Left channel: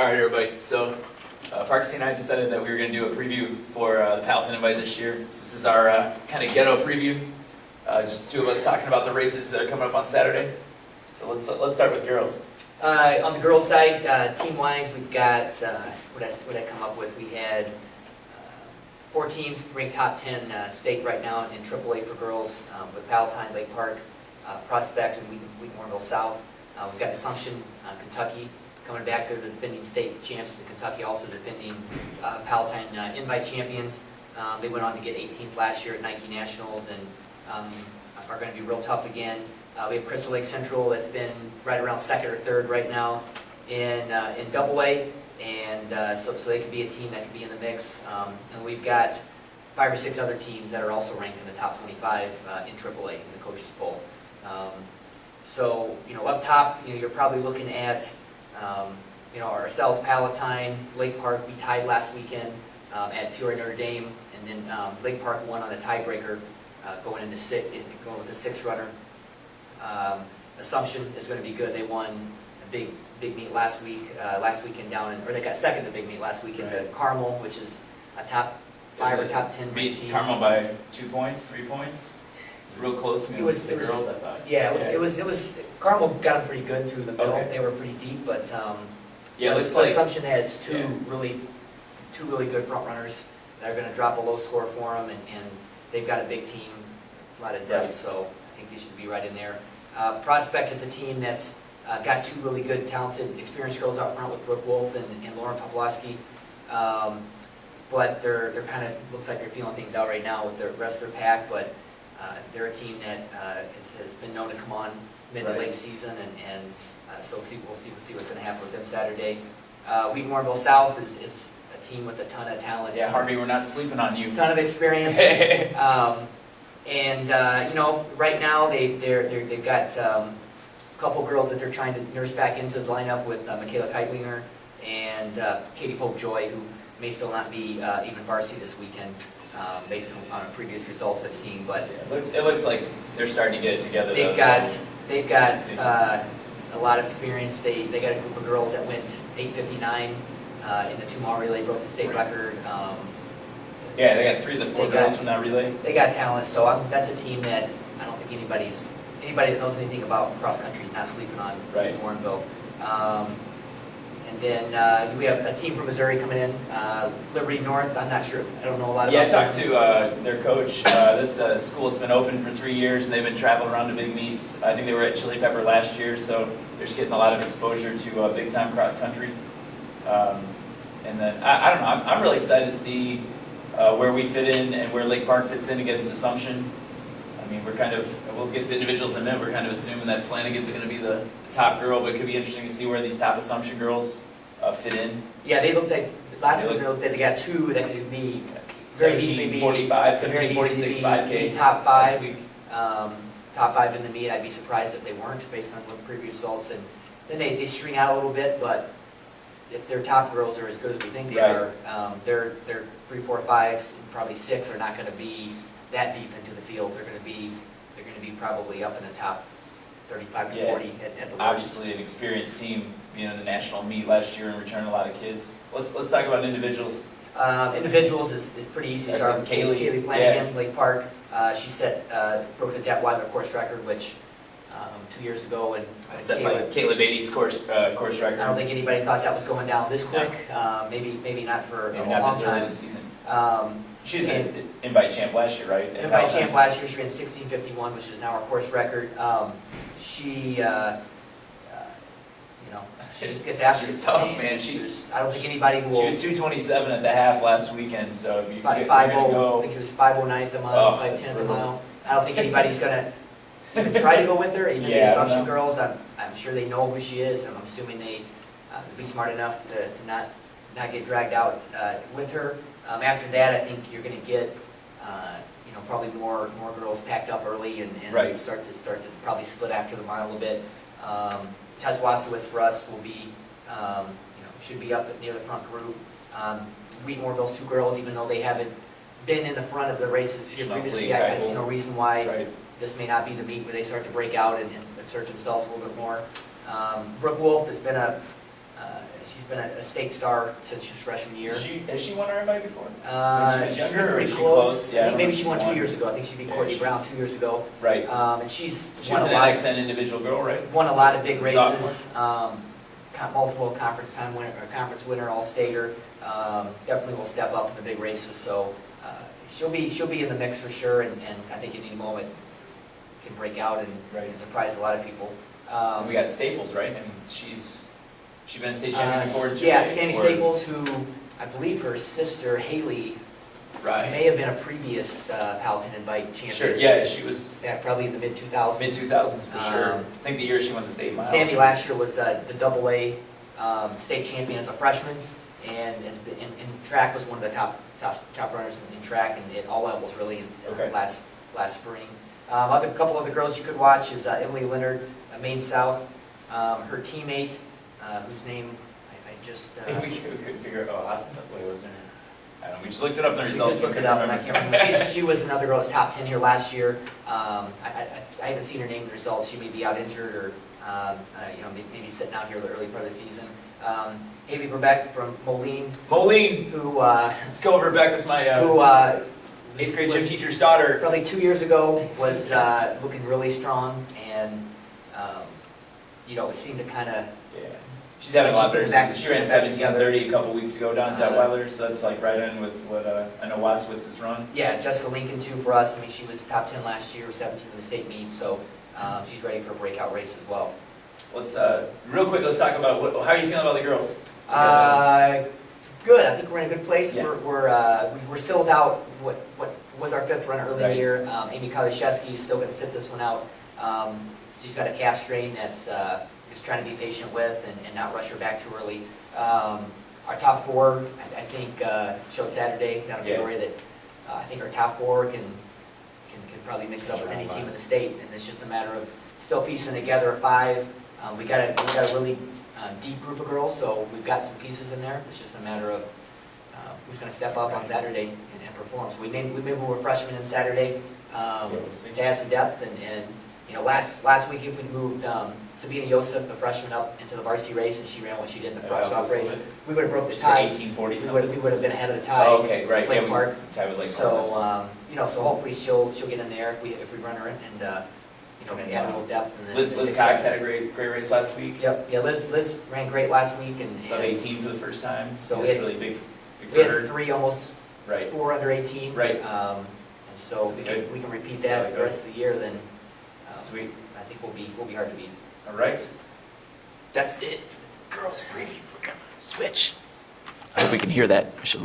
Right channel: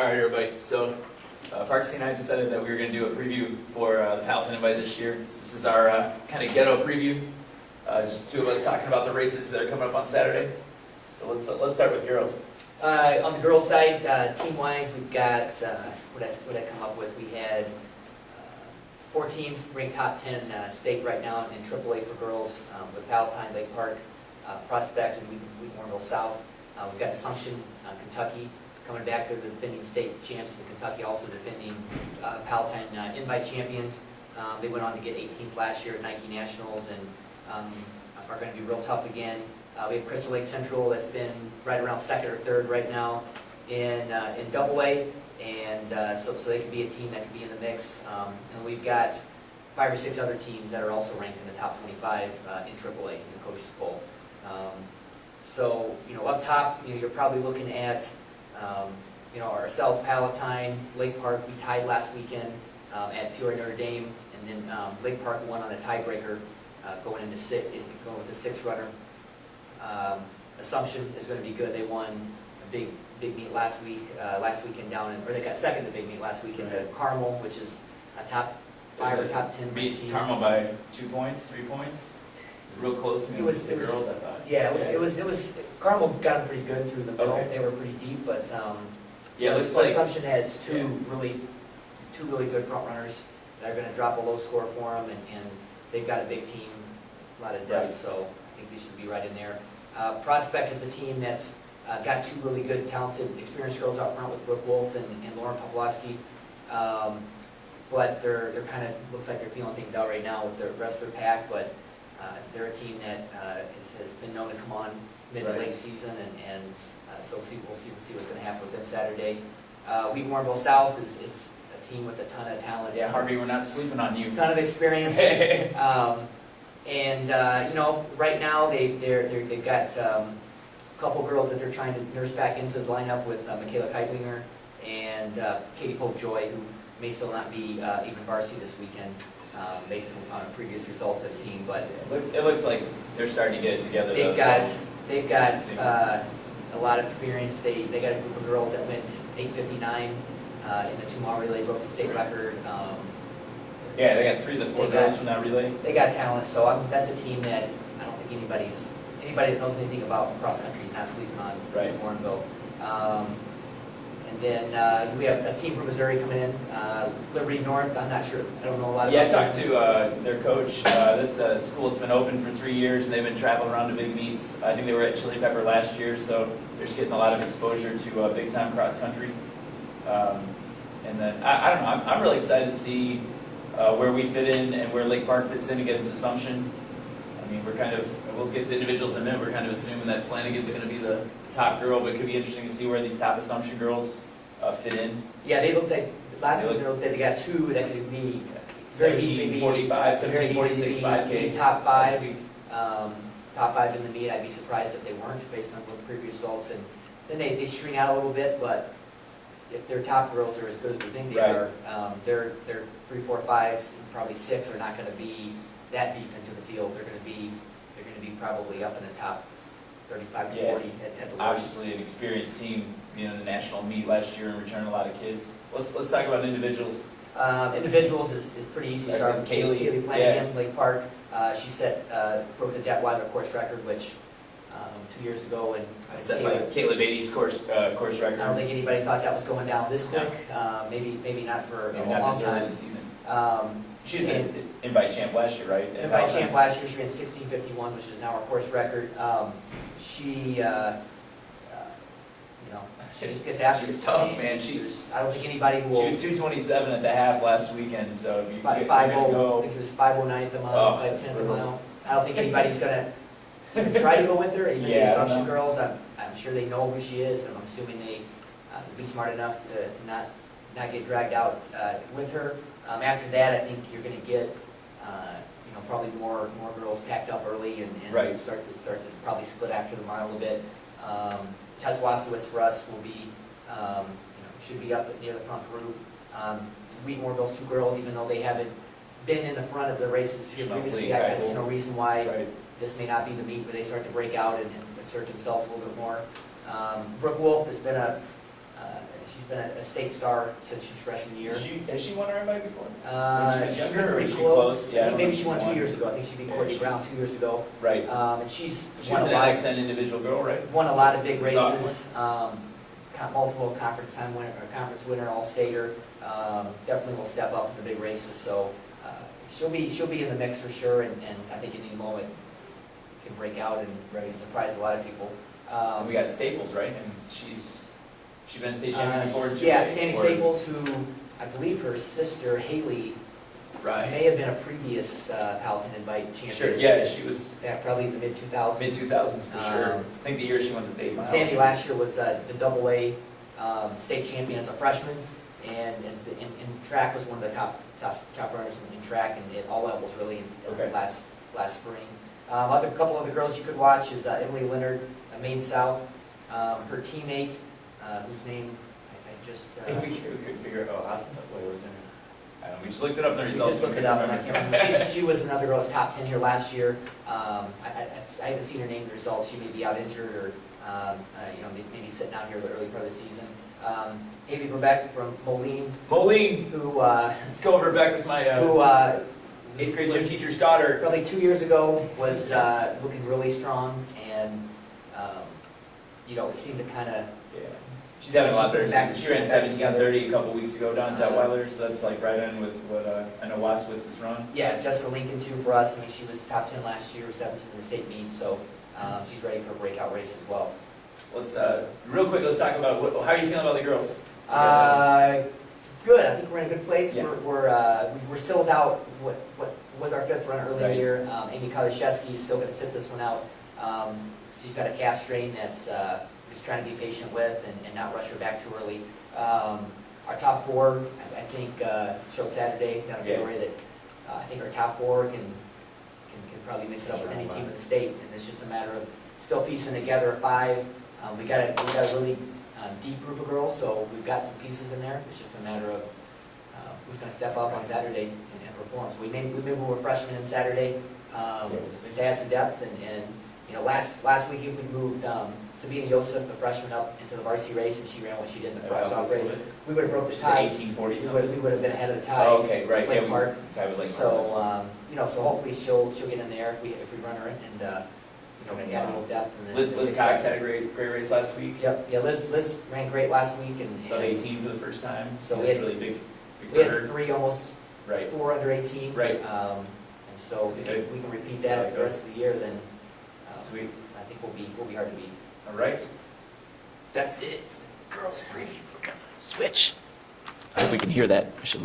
All right, everybody. So, Parksy and I decided that we were going to do a preview for the Palatine Invite this year. So this is our kind of ghetto preview. Just the two of us talking about the races that are coming up on Saturday. So let's start with girls. On the girls' side, team-wise, we've got what I come up with. We had 4 teams ranked top 10 state right now in AAA for girls, with Palatine, Lake Park, Prospect, and Wheatonville South. We've got Assumption, Kentucky, coming back. They're the defending state champs. And Kentucky also defending Palatine Invite champions. They went on to get 18th last year at Nike Nationals and are going to be real tough again. We have Crystal Lake Central that's been right around 2nd or 3rd right now in AA, and so they could be a team that could be in the mix. And we've got 5 or 6 other teams that are also ranked in the top 25 in AAA in the coaches poll. So up top, you're probably looking at ourselves, Palatine, Lake Park. We tied last weekend at Peoria Notre Dame, and then Lake Park won on a tiebreaker going with the 6th runner. Assumption is going to be good. They won a big meet last weekend they got second to big meet last weekend to Carmel, which is a top 5 or top 10 beat team. Carmel by 2 points, 3 points. It was real close to me with the girls, I thought. Yeah, it was Carmel got them pretty good through the middle. Okay. They were pretty deep, but yeah, it looks like Assumption has two really good front runners that are going to drop a low score for them, and they've got a big team, a lot of depth, Right. so I think they should be right in there. Prospect is a team that's got 2 really good, talented, experienced girls out front with Brooke Wolf and Lauren Poplowski. But they're kind of, looks like they're feeling things out right now with the rest of their pack, but they're a team that has been known to come on mid to late season, and so we'll see what's going to happen with them Saturday. Wheatonville South is a team with a ton of talent. Yeah, Harvey, we're not sleeping on you. Ton of experience. And right now they've got a couple girls that they're trying to nurse back into the lineup with Michaela Keitlinger and Katie Pope-Joy, who may still not be even varsity this weekend, based on previous results I've seen. But it looks like they're starting to get it together. They've got a lot of experience. They got a group of girls that went 8:59 in the 2-mile relay, broke the state record. Yeah, they got 3 of the 4 girls from that relay. They got talent, so that's a team that I don't think anybody that knows anything about cross country is not sleeping on in Warrenville. And then we have a team from Missouri coming in, Liberty North. I'm not sure, I don't know a lot about Yeah, I talked to their coach. That's a school that's been open for 3 years, and they've been traveling around to big meets. I think they were at Chili Pepper last year, so they're just getting a lot of exposure to big time cross country. And then I don't know. I'm really excited to see where we fit in and where Lake Park fits in against Assumption. I mean, we'll get to individuals in a minute. We're kind of assuming that Flanagan's going to be the top girl, but it could be interesting to see where these top Assumption girls fit in. Yeah, they looked like, last week they got 2 that could be very easily be 17:45, 17:46 5K. Top 5. Top 5 in the meet. I'd be surprised if they weren't, based on what previous results. And then they string out a little bit, but if their top girls are as good as we think they are, their 3, 4, 5s, and probably 6 are not going to be that deep into the field. They're going to be probably up in the top 35 to 40 at the worst. Obviously, an experienced team, in the national meet last year and returning a lot of kids. Let's talk about individuals. Individuals is pretty easy. Start with Kaylee Flanagan, Lake Park. She broke the Detweiler course record, which 2 years ago, and set by Kayla Beatty's course record. I don't think anybody thought that was going down this quick. Maybe not for a long time. This season. She's an invite champ last year, right? Invite champ last year. She ran 16:51, which is now her course record. She just gets after it. She's tough, man. I don't think anybody will. She was 227 at the half last weekend, so if you get 5:0, I think she was 5:09 at the mile, 5:10 at the mile. I don't think anybody's gonna try to go with her. Even the Assumption girls, I'm sure they know who she is, and I'm assuming they will be smart enough to not get dragged out with her. After that, I think you're going to get probably more girls packed up early and start to probably split after the mile a bit. Tess Wasowitz for us will be should be up near the front group. Wheatonville's 2 girls, even though they haven't been in the front of the races here previously, I see no reason why this may not be the meet where they start to break out and assert themselves a little bit more. Brooke Wolf has been a She's been a state star since she was freshman year. Has she won our invite before? She's younger, or pretty is she close. close? Yeah, I I think don't maybe know she if won she's 2 won. years ago. I think she beat Yeah, Courtney she's- Brown 2 years ago. Right. And she's She won was a an lot. excellent individual girl, right? Won a lot of big As a sophomore? races. Multiple conference time winner, or conference winner, all-stater. Definitely will step up in the big races. So she'll be in the mix for sure. And I think at any moment can break out and surprise a lot of people. And we got Staples, right? And she's been state champion before. in Yeah, Chile, Sandy or- Staples, who I believe her sister Haley Right. may have been a previous Palatine Invite champion. Sure. Yeah, she was Back probably in the mid-2000s. mid-2000s for sure. I think the year she won the state mile. Sandy she last year was the AA state champion as a freshman, and has been, in track was one of the top runners in track and at all levels really in Okay. last spring. Couple other girls you could watch is Emily Leonard, Maine South. Her teammate, whose name I just. I think we couldn't figure out. Oh, Austin. What was her name? I don't know. We just looked it up in the We results. just looked it up, and I can't remember. She was another girl that was top 10 here last year. I haven't seen her name in the results. She may be out injured or, maybe sitting out here the early part of the season. Haley Verbeck from Moline, Moline. who Let's go, Rebecca. That's my 8th grade gym teacher's daughter. probably 2 years ago was looking really strong, and it seemed to kind of. Yeah. She's having a lot better. She's getting back- She ran back together. 17:30 a couple weeks ago down at Weiler, so that's like right in with what I know Waswitz has run. Yeah, Jessica Lincoln too for us. I mean, she was top 10 last year, 17 in the state meet, so she's ready for a breakout race as well. Let's real quick. Let's talk about how are you feeling about the girls? Good. I think we're in a good place. Yeah. We're still without what was our 5th run early in the Right. year. Amy Kalishevsky is still going to sit this one out. She's got a calf strain that's just trying to be patient with and not rush her back too early. Our top 4, I think, showed Saturday down in Yeah. Peoria that I think our top 4 can probably mix it up with any team in the state, and it's just a matter of still piecing together a 5. We got a really deep group of girls, so we've got some pieces in there. It's just a matter of who's going to step up on Saturday and perform. So we may move a freshman in Saturday we'll see. to add some depth, and last week if we moved Sabina Yosef, the freshman, up into the varsity race, and she ran what she did in the first off race, we would have broke the Just tie. 1840 We something. would have been ahead of the tie. Oh, okay, right. Lake Yeah, Park. tie was like So so hopefully she'll get in there if we run her in and add a little depth. And then Liz Cox had a great race last week. Yep, yeah, Liz ran great last week and Sub 18 for the first time. So So we that's had- really big we for had her. 3 almost Right. 4 under 18. Right. And so That's if good. we can repeat See how that it the rest of the year, then Sweet. I think we'll be hard to beat. All right. That's it for the girls preview. We're gonna switch. I hope we can hear that. I should